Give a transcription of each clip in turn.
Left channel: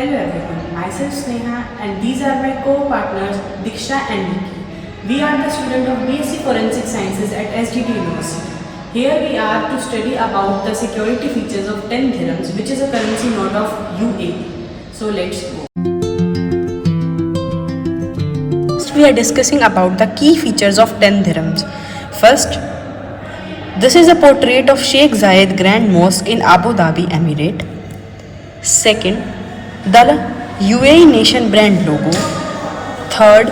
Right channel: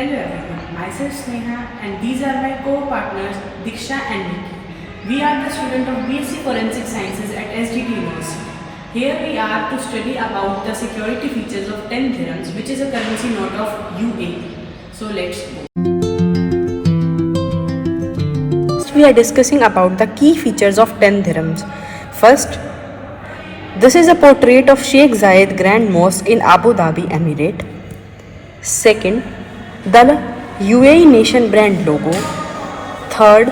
Hello everyone, myself Sneha and these are my co-partners Diksha and Nikki. We are the students of BSc Forensic Sciences at SDT University. Here we are to study about the security features of 10 dirhams, which is a currency note of UAE. So let's go. First we are discussing about the key features of 10 dirhams. First, this is a portrait of Sheikh Zayed Grand Mosque in Abu Dhabi, Emirate. Second, the UAE nation brand logo. Third,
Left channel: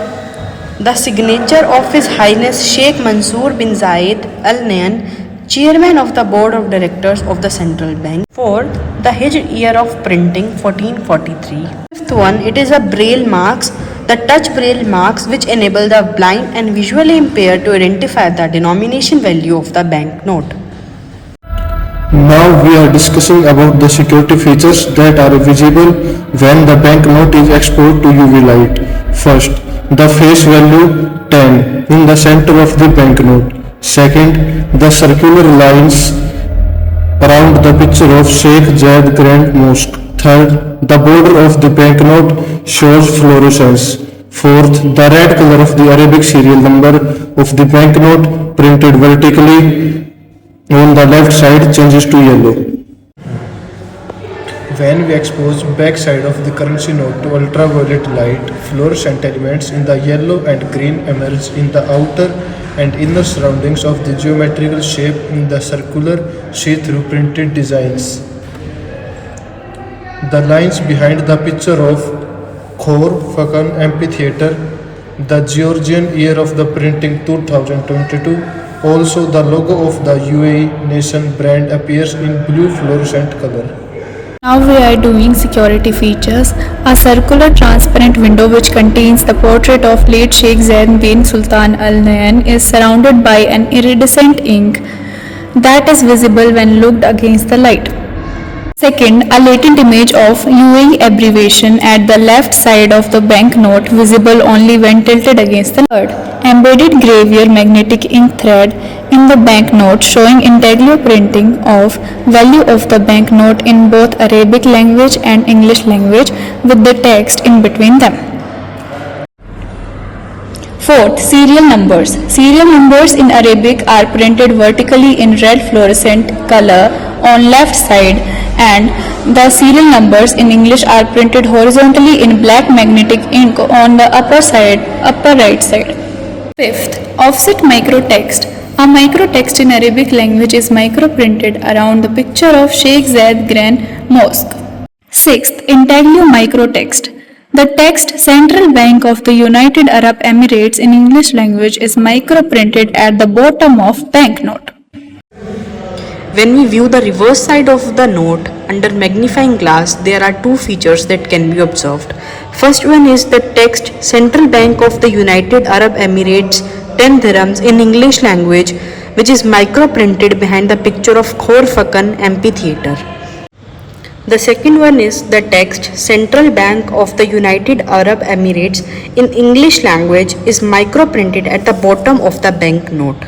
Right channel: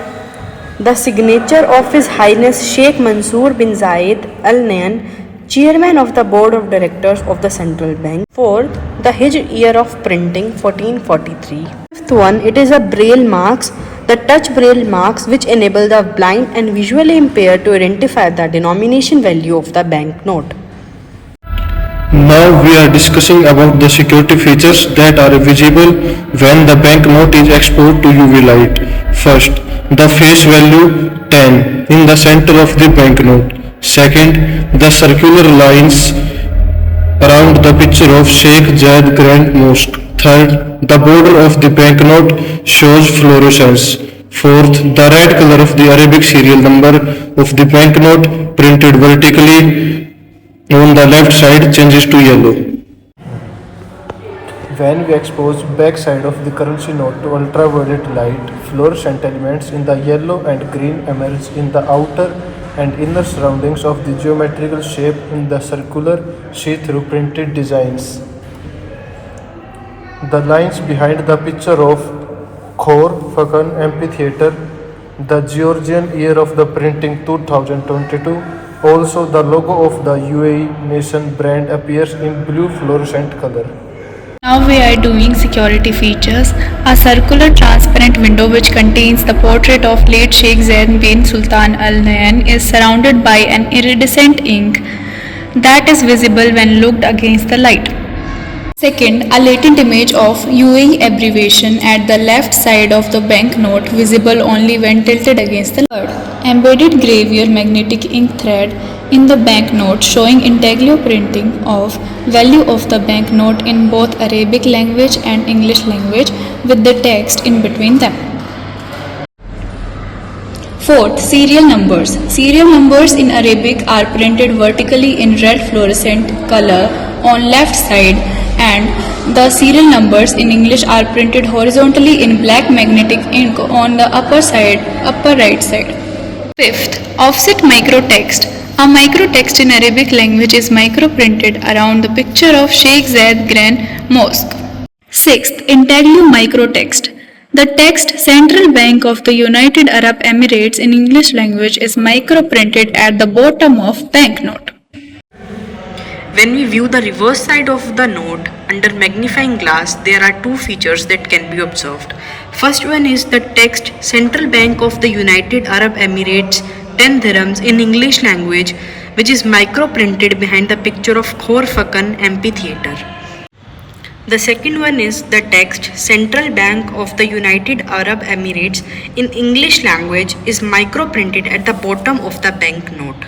the signature of His Highness Sheikh Mansour bin Zayed Al Nahyan, Chairman of the Board of Directors of the Central Bank. Fourth, the Hijr year of printing 1443. Fifth one, it is a braille marks, the touch braille marks which enable the blind and visually impaired to identify the denomination value of the banknote. Now we are discussing about the security features that are visible when the banknote is exposed to UV light. First, the face value 10 in the center of the banknote. Second, the circular lines around the picture of Sheikh Zayed Grand Mosque. Third, the border of the banknote shows fluorescence. Fourth, the red color of the Arabic serial number of the banknote printed vertically on the left side changes to yellow. When we expose back side of the currency note to ultraviolet light, fluorescent elements in the yellow and green emerge in the outer and inner surroundings of the geometrical shape in the circular see-through printed designs. The lines behind the picture of Khor Fakkan Amphitheater, the Georgian year of the printing 2022. Also, the logo of the UAE nation brand appears in blue fluorescent color. Now we are doing security features. A circular transparent window which contains the portrait of late Sheikh Zayed bin Sultan Al Nahyan is surrounded by an iridescent ink that is visible when looked against the light. Second, a latent image of UAE abbreviation at the left side of the banknote visible only when tilted against the light. Third, embedded gravure magnetic ink thread in the banknote showing intaglio printing of value of the banknote in both Arabic language and English language with the text in between them. Fourth, serial numbers. Serial numbers in Arabic are printed vertically in red fluorescent color on left side, and the serial numbers in English are printed horizontally in black magnetic ink on the upper right side. Fifth, offset microtext. A microtext in Arabic language is microprinted around the picture of Sheikh Zayed Grand Mosque. Sixth, intaglio microtext. The text Central Bank of the United Arab Emirates in English language is microprinted at the bottom of banknote. When we view the reverse side of the note under magnifying glass, there are two features that can be observed. First one is the text Central Bank of the United Arab Emirates 10 dirhams in English language, which is microprinted behind the picture of Khor Fakkan Amphitheater. The second one is the text Central Bank of the United Arab Emirates in English language is microprinted at the bottom of the banknote.